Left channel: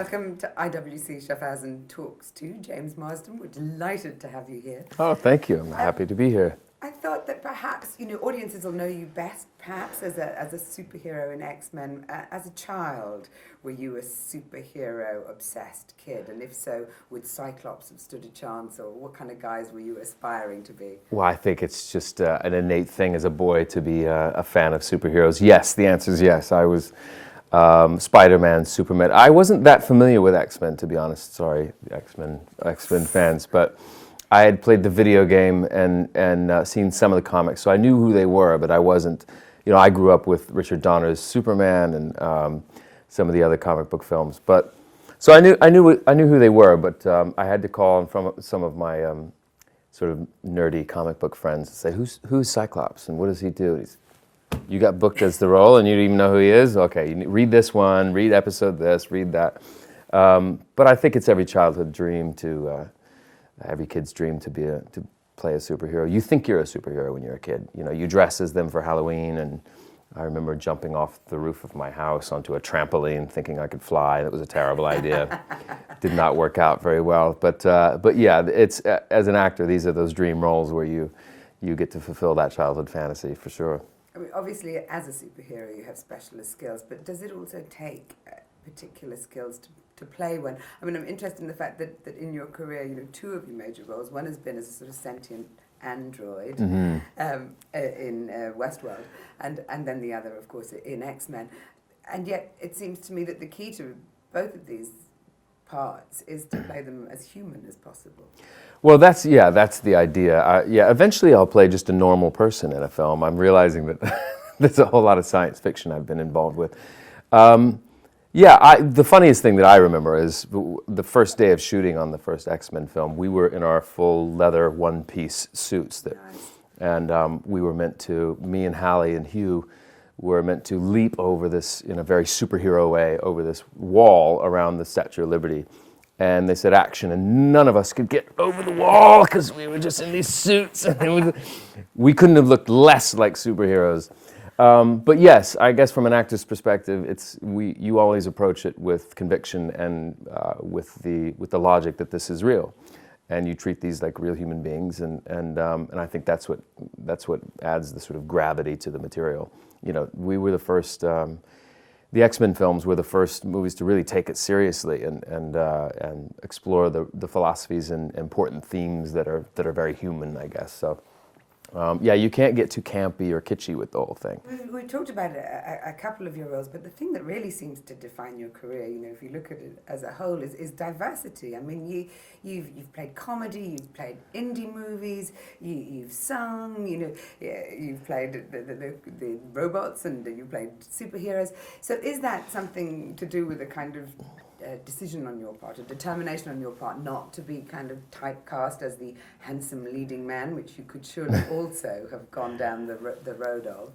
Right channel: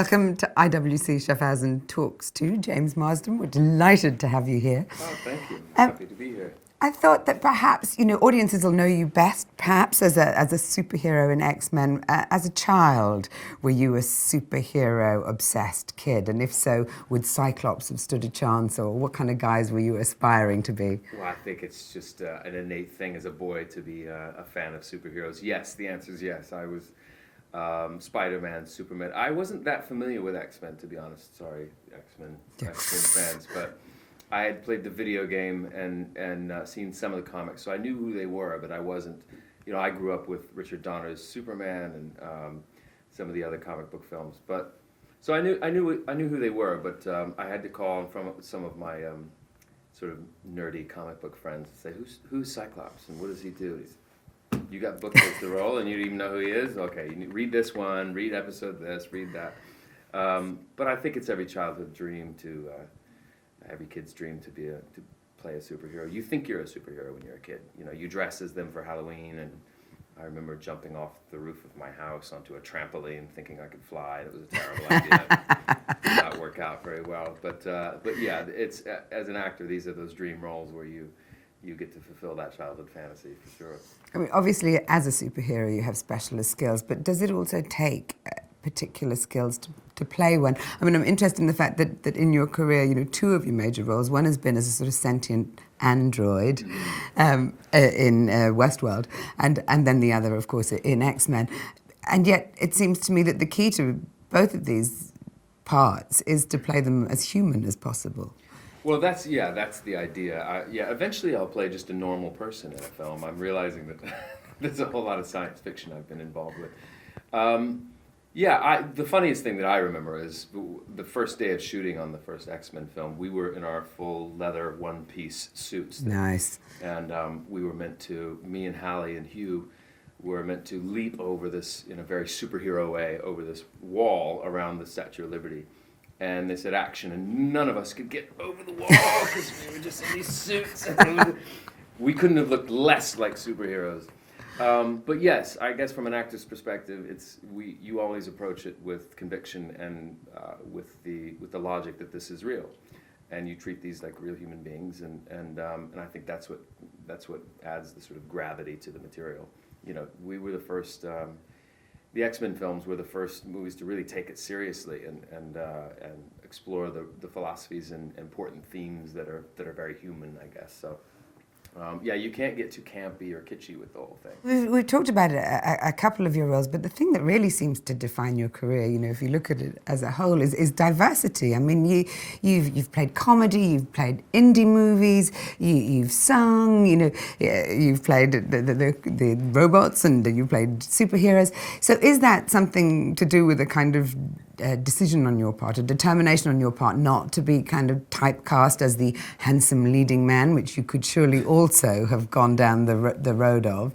Welcome to IWC Schaffhausen Talks to James Marsden. We're delighted to have you here. Oh, thank you. I'm happy to be here. I thought that perhaps, audiences will know you best, perhaps as a superhero in X-Men. As a child, were you a superhero-obsessed kid? And if so, would Cyclops have stood a chance, or what kind of guys were you aspiring to be? Well, I think it's just an innate thing as a boy to be a fan of superheroes. Yes, the answer is yes. I was Spider-Man, Superman. I wasn't that familiar with X-Men, to be honest. Sorry, X-Men fans, but I had played the video game and seen some of the comics, so I knew who they were, but I wasn't. I grew up with Richard Donner's Superman and some of the other comic book films, but so I knew who they were, but I had to call on from some of my sort of nerdy comic book friends and say, "Who's Cyclops and what does he do?" You got booked as the role, and you didn't even know who he is? Okay, you read this one, read episode this, read that. But I think it's every childhood dream every kid's dream to play a superhero. You think you're a superhero when you're a kid. You dress as them for Halloween, and I remember jumping off the roof of my house onto a trampoline thinking I could fly. That was a terrible idea. Did not work out very well. But yeah, it's as an actor, these are those dream roles where you get to fulfill that childhood fantasy for sure. I mean, obviously, as a superhero, you have specialist skills, but does it also take particular skills to play one? I mean, I'm interested in the fact that in your career, two of your major roles, one has been as a sort of sentient android in Westworld, and then the other, of course, in X-Men. And yet, it seems to me that the key to both of these parts is to play them as human as possible. Well, that's the idea. Eventually I'll play just a normal person in a film. I'm realizing that there's a whole lot of science fiction I've been involved with. The funniest thing that I remember is the first day of shooting on the first X-Men film, we were in our full leather one-piece suits. Nice. And we were meant to, me and Hallie and Hugh were meant to leap over this, in a very superhero way, over this wall around the Statue of Liberty. And they said action, and none of us could get over the wall because we were just in these suits. We couldn't have looked less like superheroes. But yes, I guess from an actor's perspective, you always approach it with conviction and with the logic that this is real, and you treat these like real human beings, and I think that's what adds the sort of gravity to the material. We were the first. The X-Men films were the first movies to really take it seriously and explore the philosophies and important themes that are very human, I guess. So, you can't get too campy or kitschy with the whole thing. We've talked about a couple of your roles, but the thing that really seems to define your career, if you look at it as a whole, is diversity. I mean, you've played comedy, you've played indie movies, you've sung, you've played the robots, and you've played superheroes. So is that something to do with a kind of decision on your part, a determination on your part not to be kind of typecast as the handsome leading man, which you could surely also have gone down the road of?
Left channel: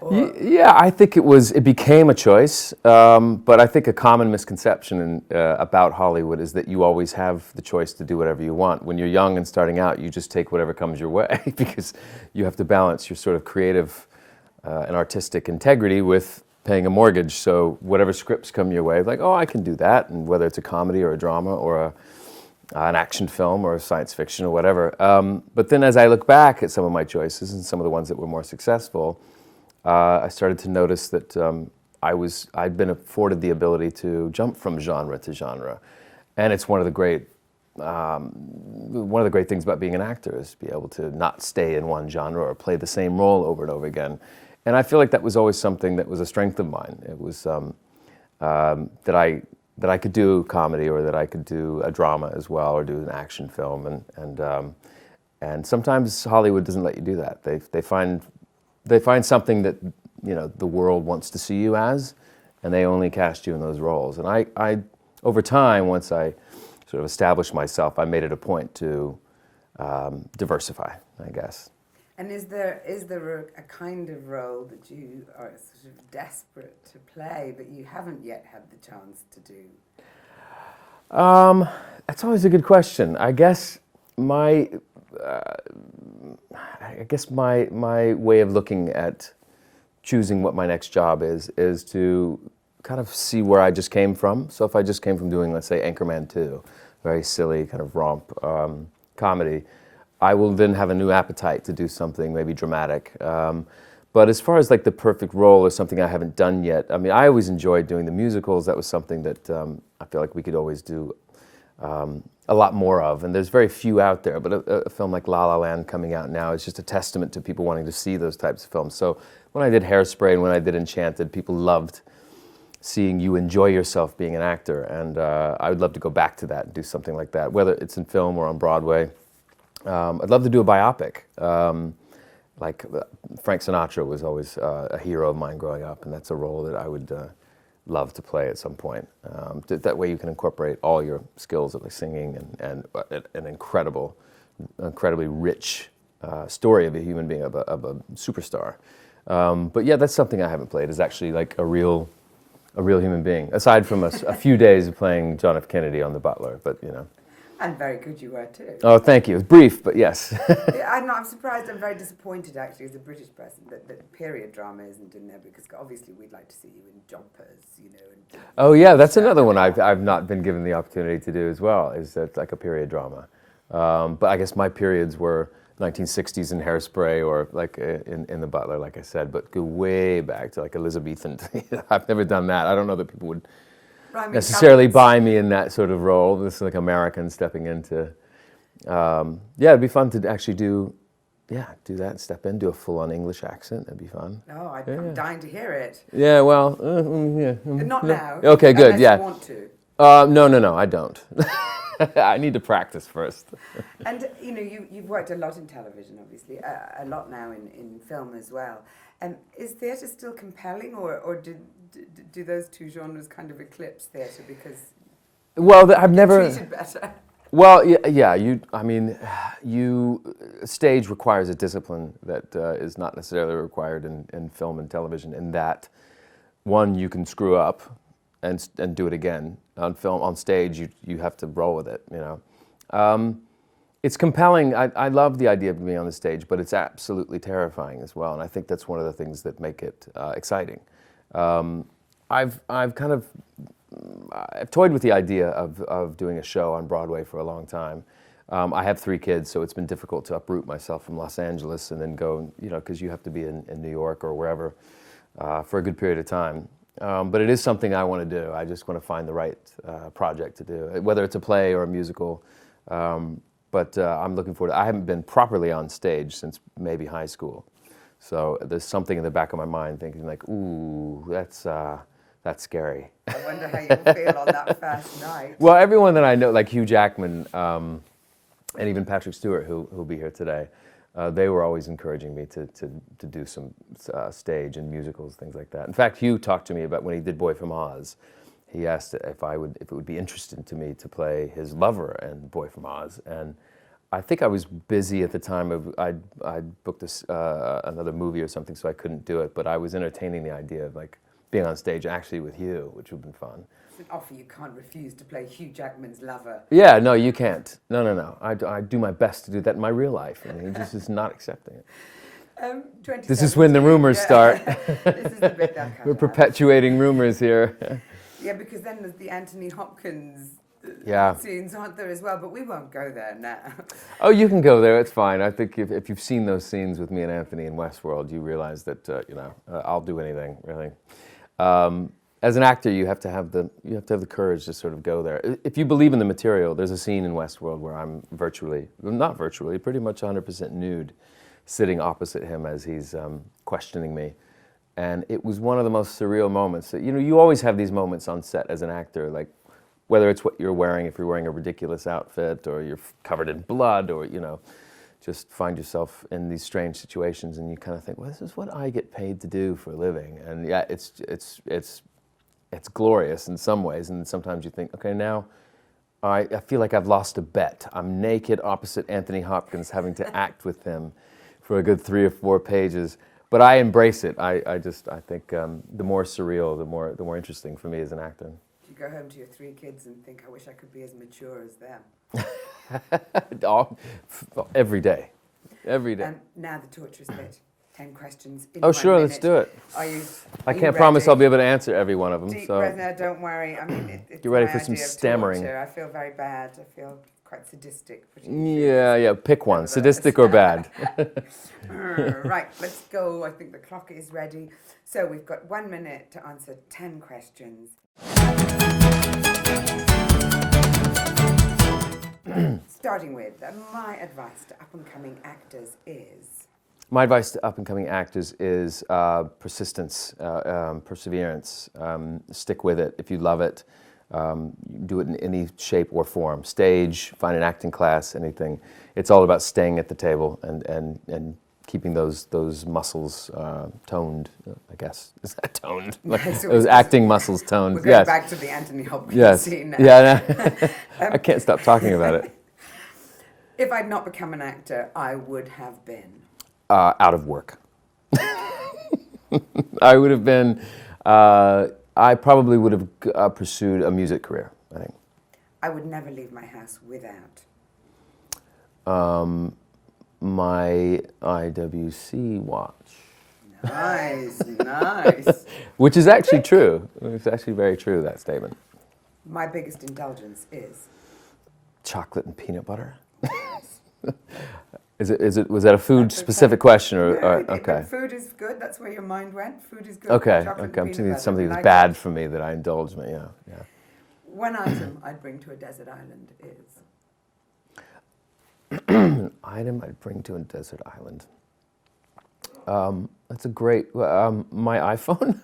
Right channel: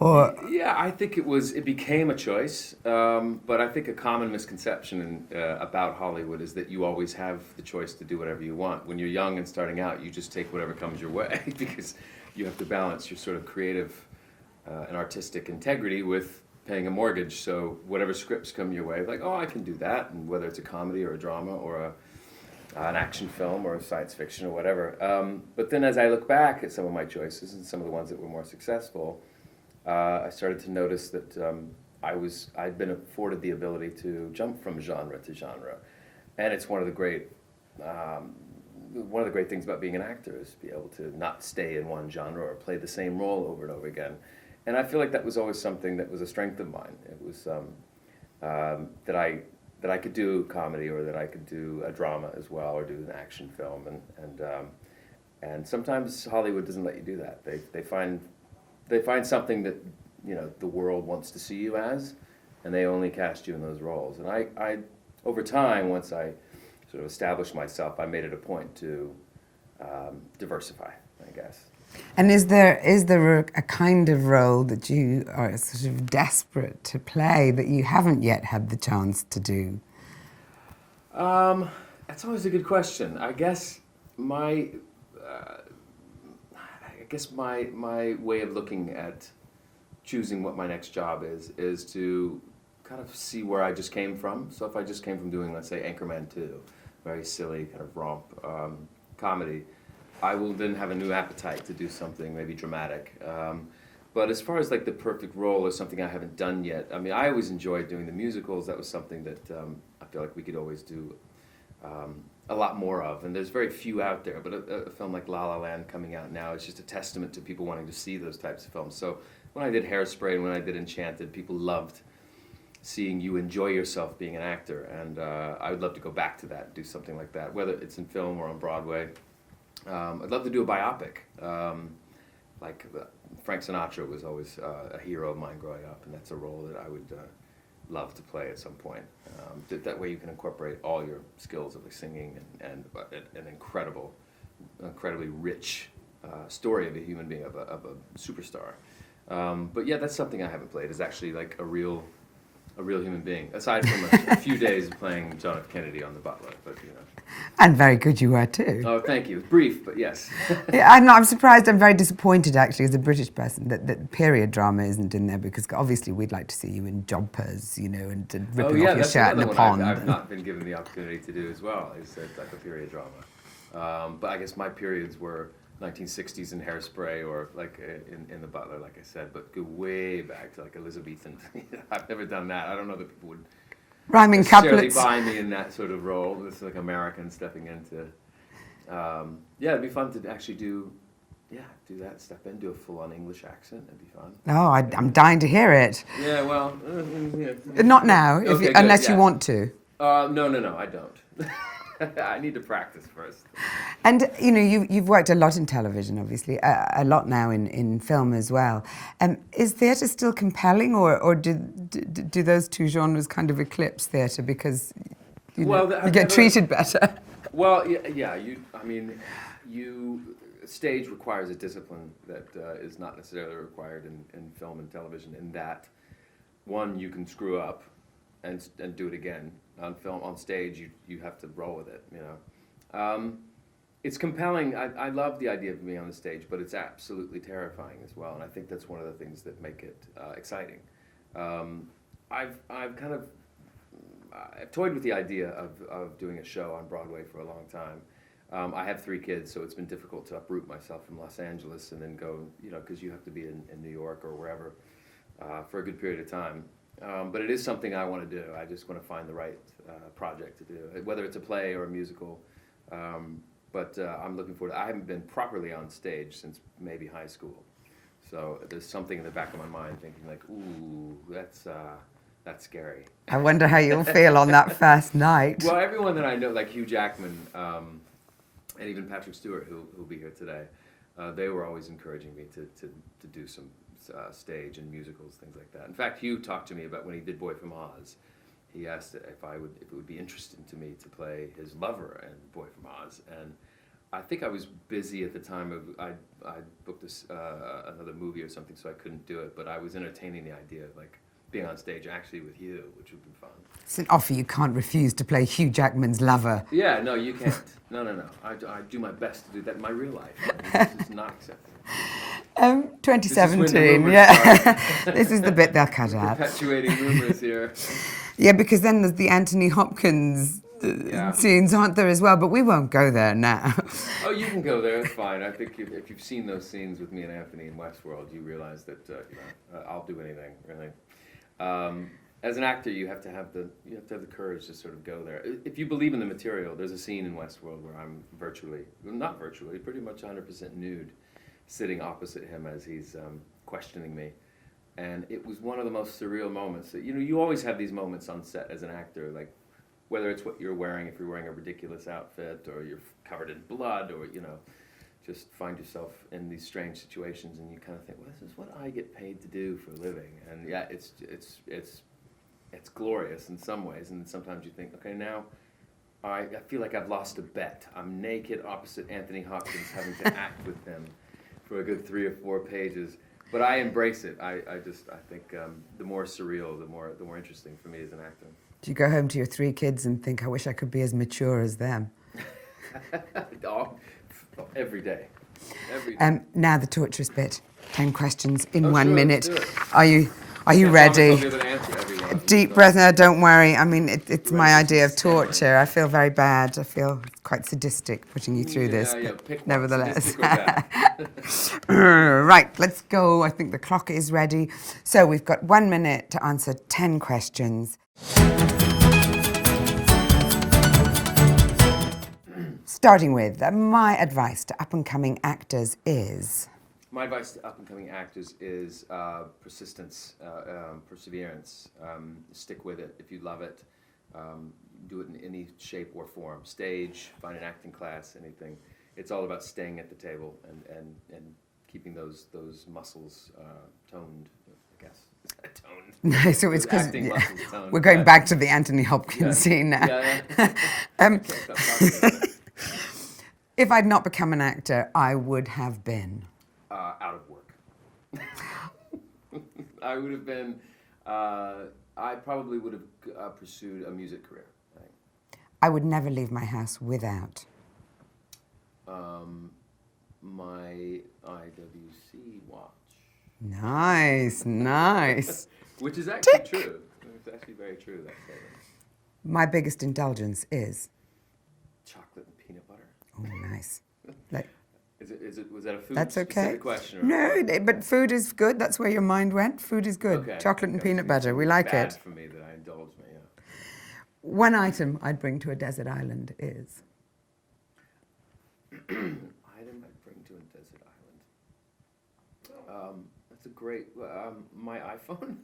Or... Yeah, I think it became a choice, but I think a common misconception about Hollywood is that you always have the choice to do whatever you want. When you're young and starting out, you just take whatever comes your way because you have to balance your sort of creative and artistic integrity with paying a mortgage. So whatever scripts come your way, like, oh, I can do that, and whether it's a comedy or a drama or an action film or a science fiction or whatever. But then as I look back at some of my choices and some of the ones that were more successful, I started to notice that I'd been afforded the ability to jump from genre to genre, and it's one of the great things about being an actor is to be able to not stay in one genre or play the same role over and over again. And I feel like that was always something that was a strength of mine. It was that I could do comedy, or that I could do a drama as well, or do an action film, and sometimes Hollywood doesn't let you do that. They find something that the world wants to see you as, and they only cast you in those roles. And I over time, once I sort of established myself, I made it a point to diversify, I guess. And is there a kind of role that you are sort of desperate to play that you haven't yet had the chance to do? That's always a good question. I guess my way of looking at choosing what my next job is to kind of see where I just came from. So if I just came from doing, let's say, Anchorman 2, very silly kind of romp comedy, I will then have a new appetite to do something maybe dramatic. But as far as like the perfect role or something I haven't done yet, I mean, I always enjoyed doing the musicals. That was something that I feel like we could always do a lot more of. And there's very few out there, but a film like La La Land coming out now is just a testament to people wanting to see those types of films. So when I did Hairspray and when I did Enchanted, people loved seeing you enjoy yourself being an actor. And I would love to go back to that and do something like that, whether it's in film or on Broadway. I'd love to do a biopic. Like Frank Sinatra was always a hero of mine growing up, and that's a role that I would love to play at some point. That way you can incorporate all your skills of like singing and an incredibly rich story of a human being, of a superstar. But yeah, that's something I haven't played, is actually like a real human being, aside from a few days of playing John F. Kennedy on The Butler, but you know. And very good you were too. Oh, thank you. It was brief, but yes. Yeah, I'm surprised, I'm very disappointed actually as a British person that period drama isn't in there, because obviously we'd like to see you in jobbers, you know, and oh yeah, that's another one I've not been given the opportunity to do as well, is like a period drama. But I guess my periods were 1960s in Hairspray, or like in The Butler, like I said, but go way back to like Elizabethan. I've never done that. I don't know that people would rhyming necessarily couplets. buy me in that sort of role. This is like American stepping into. Yeah, it'd be fun to actually do that. Step in, do a full-on English accent. That'd be fun. Oh, I'm dying to hear it. Yeah, well, yeah. Not now, Okay, good. unless Yeah. you want to. No, I don't. I need to practice first. And you know, you've worked a lot in television, obviously, a lot now in film as well. Is theatre still compelling, or do those two genres kind of eclipse theatre because I've get never treated better? Well, yeah. Stage requires a discipline that is not necessarily required in film and television. In that, one, you can screw up and do it again. On stage, you have to roll with it. You know, it's compelling. I love the idea of being on the stage, but it's absolutely terrifying as well. And I think that's one of the things that make it exciting. I've toyed with the idea of doing a show on Broadway for a long time. I have 3 kids, so it's been difficult to uproot myself from Los Angeles and then go, you know, because you have to be in New York or wherever for a good period of time. But it is something I want to do. I just want to find the right project to do, whether it's a play or a musical. But I'm looking forward to it. I haven't been properly on stage since maybe high school. So there's something in the back of my mind thinking like, ooh, that's scary. I wonder how you'll feel on that first night. Well, everyone that I know, like Hugh Jackman and even Patrick Stewart, who'll be here today, they were always encouraging me to do some stage and musicals, things like that. In fact, Hugh talked to me about when he did Boy from Oz. He asked if it would be interesting to me to play his lover in Boy from Oz, and I think I was busy at the time. I'd booked another movie or something, so I couldn't do it. But I was entertaining the idea of like being on stage actually with Hugh, which would have been fun. It's an offer you can't refuse, to play Hugh Jackman's lover. Yeah, no, you can't. No. I do my best to do that in my real life. I mean, this is not accepting it. 2017. This is when the rumors start. This is the bit they'll cut We're out. perpetuating rumors here. Yeah, because then there's the Anthony Hopkins scenes, aren't there, as well? But we won't go there now. Oh, you can go there. It's fine. I think if you've seen those scenes with me and Anthony in Westworld, you realize that I'll do anything really. As an actor, you have to have the courage to sort of go there. If you believe in the material, there's a scene in Westworld where I'm pretty much 100% nude, sitting opposite him as he's questioning me. And it was one of the most surreal moments. You always have these moments on set as an actor, like whether it's what you're wearing, if you're wearing a ridiculous outfit, or you're covered in blood, or just find yourself in these strange situations, and you kind of think, well, this is what I get paid to do for a living. And yeah, it's glorious in some ways, and sometimes you think, okay, now I feel like I've lost a bet. I'm naked opposite Anthony Hopkins, having to act with him for a good 3 or 4 pages. But I embrace it. I think the more surreal, the more interesting for me as an actor. Do you go home to your 3 kids and think, I wish I could be as mature as them? Every day. Every day. Now the torturous bit. 10 questions in Oh, 1 sure, minute. let's do it. Are you Are you can't ready? promise I'll be able to answer every one of them. Deep so. breath. No, don't worry. I mean, it's You ready my for some idea of stammering? torture. I feel very bad. I feel quite sadistic putting you through this. Yeah, but pick one, nevertheless. sadistic or bad. Right, let's go. I think the clock is ready. So we've got 1 minute to answer 10 questions. Starting with, my advice to up-and-coming actors is... My advice to up-and-coming actors is persistence, perseverance. Stick with it. If you love it, do it in any shape or form. Stage, find an acting class, anything. It's all about staying at the table and keeping those muscles toned, I guess. Is that toned? Those acting muscles toned. We're going back to the Anthony Hopkins scene now. Yeah, I can't stop talking about it. If I'd not become an actor, I would have been... out of work. I would have been, I probably would have pursued a music career, I think. I would never leave my house without... my IWC watch. Nice, nice. Which is actually true. It's actually very true, that statement. My biggest indulgence is... Chocolate and peanut butter. Oh, nice. Was that a food-specific question? Or, No, okay. but food is good. That's where your mind went. Food is good. Okay. Chocolate Okay. and peanut butter. Something We like bad it. for me that I indulge me. Yeah. One item I'd bring to a desert island is... Item I'd bring to a desert island. That's a great. My iPhone.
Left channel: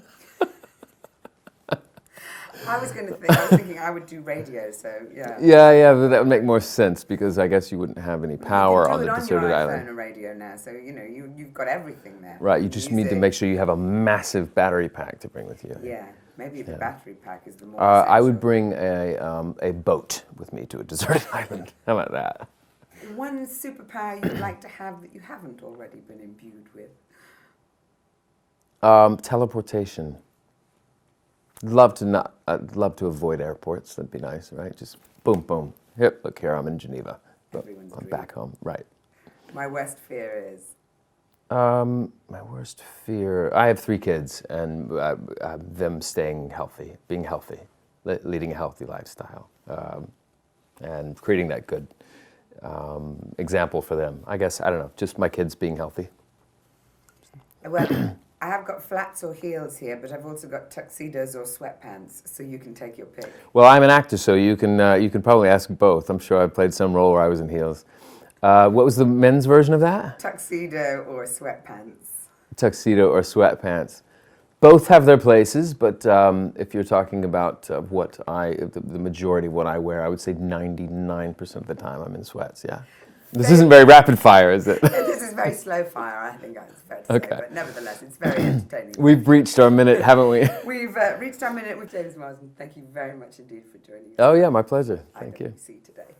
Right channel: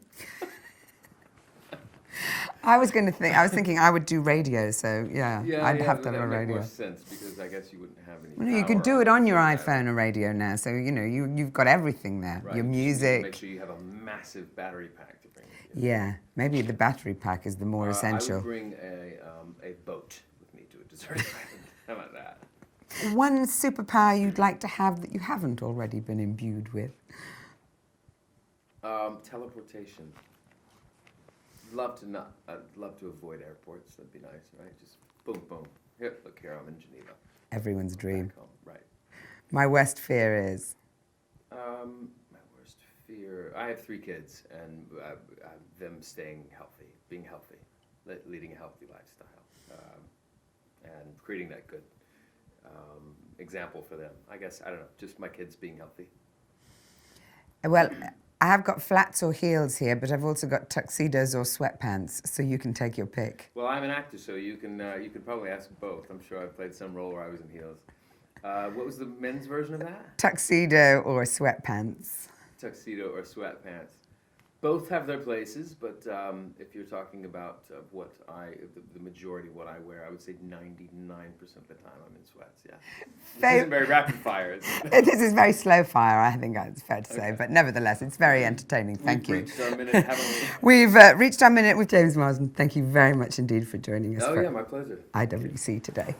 I was thinking I would do radio, so yeah. Yeah, but that would make more sense because I guess you wouldn't have any power. You can do it on your deserted iPhone island. or radio now, so you know you've got everything there. Right, Your you just music. need to make sure you have a massive battery pack to bring with you. Yeah, maybe the battery pack is the more essential. I would bring a boat with me to a deserted island. How about that? One superpower you'd like to have that you haven't already been imbued with? Teleportation. I'd love to avoid airports. That'd be nice, right? Just boom, boom. Yep, look here, I'm in Geneva. Everyone's I'm dream. back home, right. My worst fear is? My worst fear, I have 3 kids and them staying healthy, being healthy, leading a healthy lifestyle, and creating that good example for them. I guess, I don't know, just my kids being healthy. Well, I have got flats or heels here, but I've also got tuxedos or sweatpants, so you can take your pick. Well, I'm an actor, so you can probably ask both. I'm sure I played some role where I was in heels. What was the men's version of that? Tuxedo or sweatpants. Tuxedo or sweatpants. Both have their places, but if you're talking about the majority of what I wear, I would say 99% of the time I'm in sweats, yeah. This isn't very rapid fire, is it? This is very slow fire, I think it's fair to say, but nevertheless, it's very entertaining. We've reached our minute, haven't we? We've reached our minute with James Marsden. Thank you very much indeed for joining us. Oh yeah, my pleasure. IWC today.